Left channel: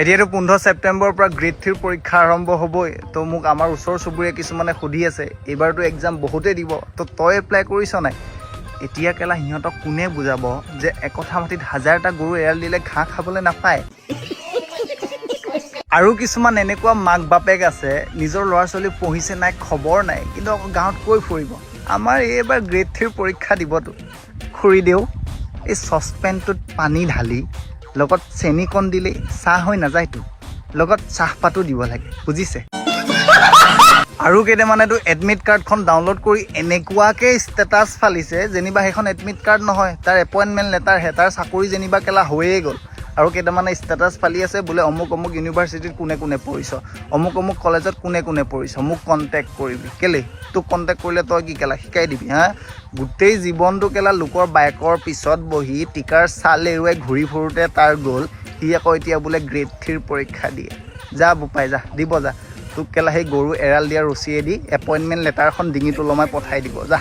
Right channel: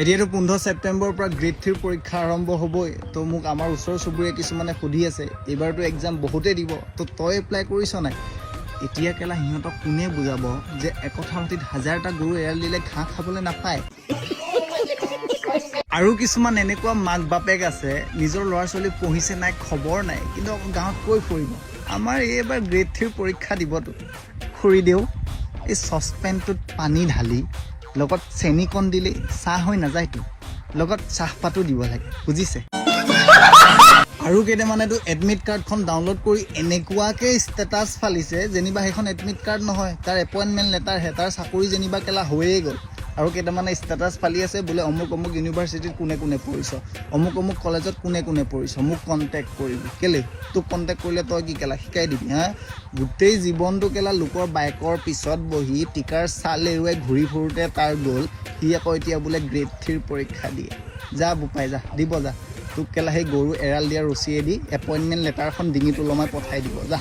এতিয়াতো 15 ছেপ্টেম্বৰৰ পৰা গ্ৰেড 3 পৰীক্ষা আৰম্ভ হ'বই। তো মোক আমাৰ ওচৰ চুবুৰীয়া কিছুমানে সুধি আছে এইবাৰতো এক্সাম বহুতেই দিব, তো তই এপ্লাই কৰিছ নাই? এতিয়া কেলা সিহঁতক কোনে বুজাব যে একঠা মাটিত 1000টা গৰু এৰাল দিলে ঘাঁহ খাবলৈ নাপায়। আৰু কিছুমান এনেকুৱা মাক বাপেক আছে নিজৰ ল'ৰা ছোৱালী পঢ়িছে নাই খবৰ নাই, কিন্তু গাঁৱত কৈ ফুৰিব আমাৰ এইবাৰ গ্ৰেড 3 পৰীক্ষা দিবতো। খুৰি দেউ, এই চচপেনটোত পানী ঢালি লগত চেনিকণ দিলেই চাহ হৈ নাযায়তো, লগত চাহপাতো দিব লাগে, বুজিছে? আৰু কেইটামানেতো এডমিট কাৰ্ডখন ডাউনলোড কৰি এনেকুৱাকৈ ষ্টেটাছ ফালিছে যেনিবা সেইখন এডমিট কাৰ্ড নহয়, তাৰ এপইণ্টমেণ্ট লেটাৰহে, তাৰ চাকৰি যেনিবা কেলা হৈয়ে গ'ল। আৰু কেইটামানে ষ্টেটাছ ফালি আছে বোলে অমুক অমুক ইউনিভাৰ্চিটিত কোনে কোনে পঢ়িছ, অমুক অমুক কলেজত কোনে কোনে পঢ়িছ, মোক কণ্টেক্ট কৰিবি। কেলে তোক কণ্টেক্ট কৰিলে তই কি কেলা শিকাই দিবি? গোটেই জীৱনটো কেলা লোকৰ বাইকৰ পিছত বহি টিকাৰ চাল এৰুৱাই ঘূৰি ফুৰোঁতে তাৰ গ'ল, সি আকৌ এতিয়া বোলে গ্ৰেড 3 পৰীক্ষা দিয়ে। যা বোপাই যা, দিব যা। তোক কেলা সেই গৰু এৰাল দিয়া ৰছীয়েদি এপইণ্টমেণ্ট লেটাৰখন ডিঙিত ওলমাই পঠাই দিব, যা।